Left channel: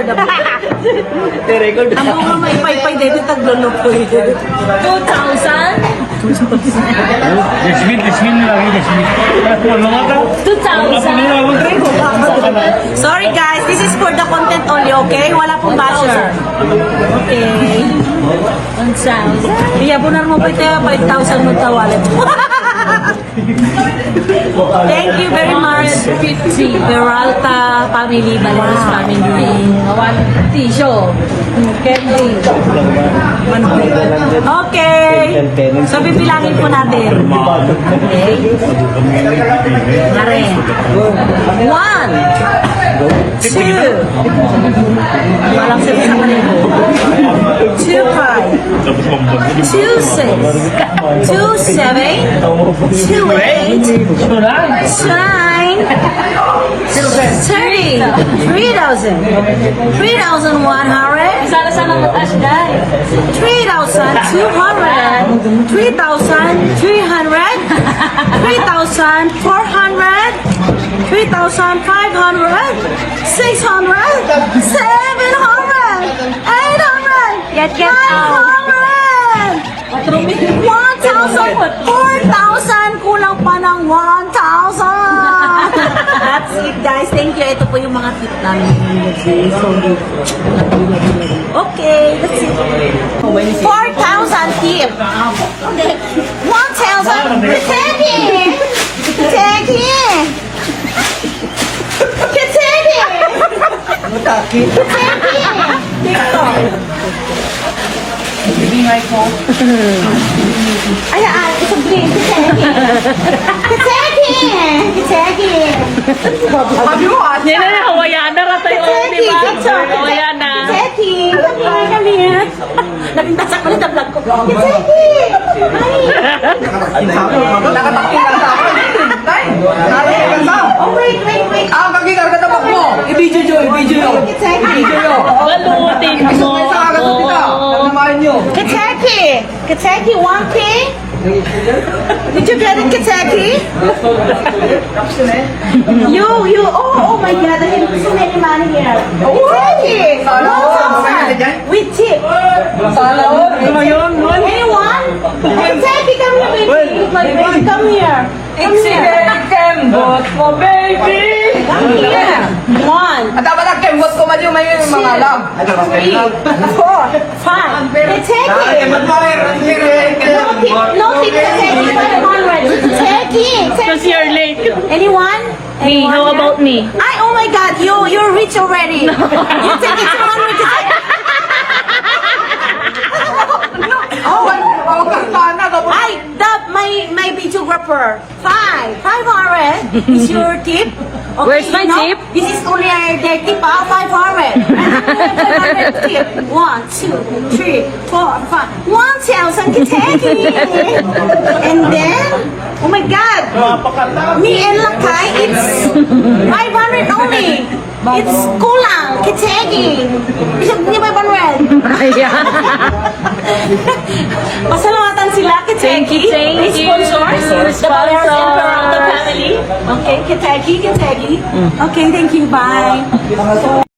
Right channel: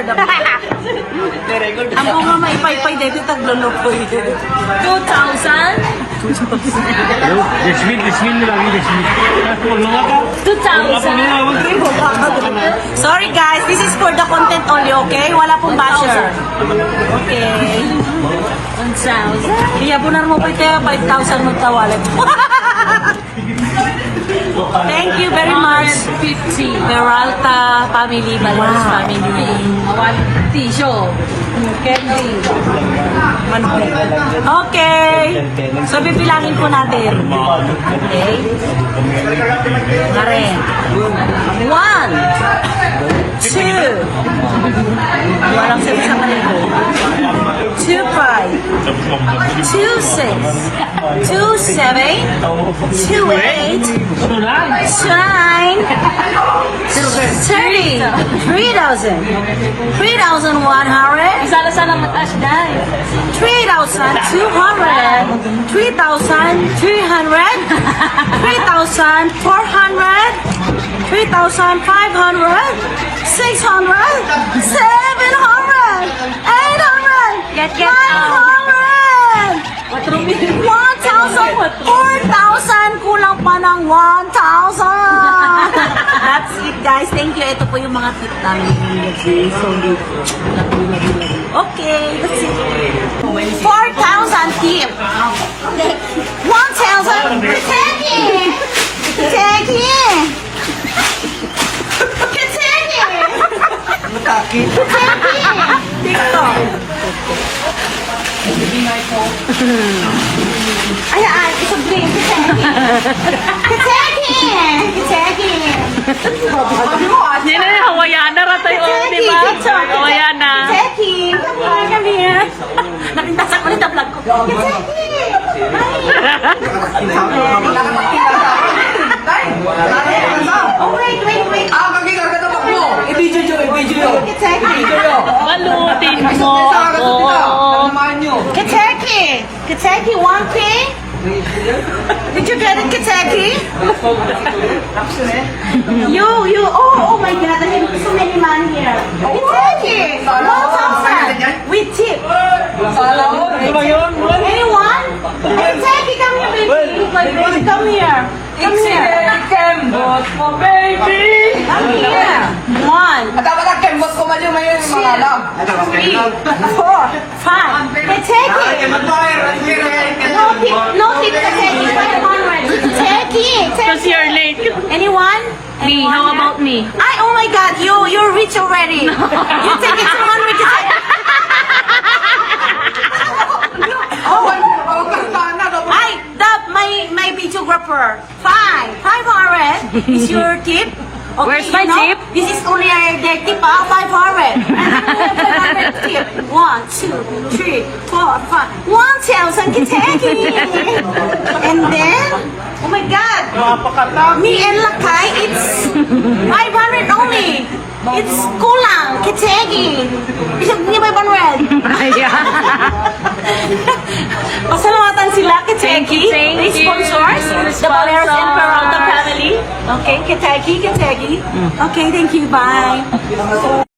record ako. record Ang bunga mo ipaypay dito taglulog ko ito. 2,000? Jasmine, Jasmine nila rin, Jasmine. Ano nga ka? 2,000. Sorry guys, this is for the content only, okay? Wala pong basher. Okay. 1,000. Iyabunan mo ko ito, 5,000 wallet. Thank you very much, si Peralta family, Balanas family. Tisyo. Candy. Okay. So, bibilangin po natin. Okay? Mare. One. Two. Walang sabi sa kanila. Two five. Two six. Two Nice. Nine. Thirty. Three thousand. Three thousand one hundred. Three thousand two hundred. Three thousand three hundred. Three thousand four hundred. Three thousand five bakit namin nilagay. So, okay, that's it. 4,000 tip! 1,000 Teddy! Teddy! Teddy! Teddy! Ayan, isang green. Teddy! Teddy! Teddy! Sabi mo, ah. Yan na, O yan na. Jackie! Kaling, kaling ha? Nagtasak ko rin na vlog ko. Jackie! Ay! Wala ka pakilang sa akin. Oh my God! nyo. Kentucky! Kentucky, one thing? Did you get it, Kentucky? you, you, oh, oh my God, I have so many man here. no, no, With tip. Anyone? Kentucky, come here, baby. Come here. Come here. September for baby. four, five. take it. No, pe- no people take it by the already. Take it. Because Take it. you're late. Anyone? Me, Anyone how there? about me? I, oh my God, you you're rich already. You take it to hundred. oh, my Five, five hundred is your tip. Okay, Where's my you tip? This is only a tip. ah, Five hundred. One, two, three, four, five. One thousand Kentucky! And then, oh my God! Me and Lakay, it's 500 only! It's kulang, Kentucky! Isang niya ba 500? Kaya. Pasalamatan sila, Kentucky! Thank you, thank you! Sponsors, the Balears and the family. Okay, Kentucky, Kentucky. Mm. Okay, thank you, bye.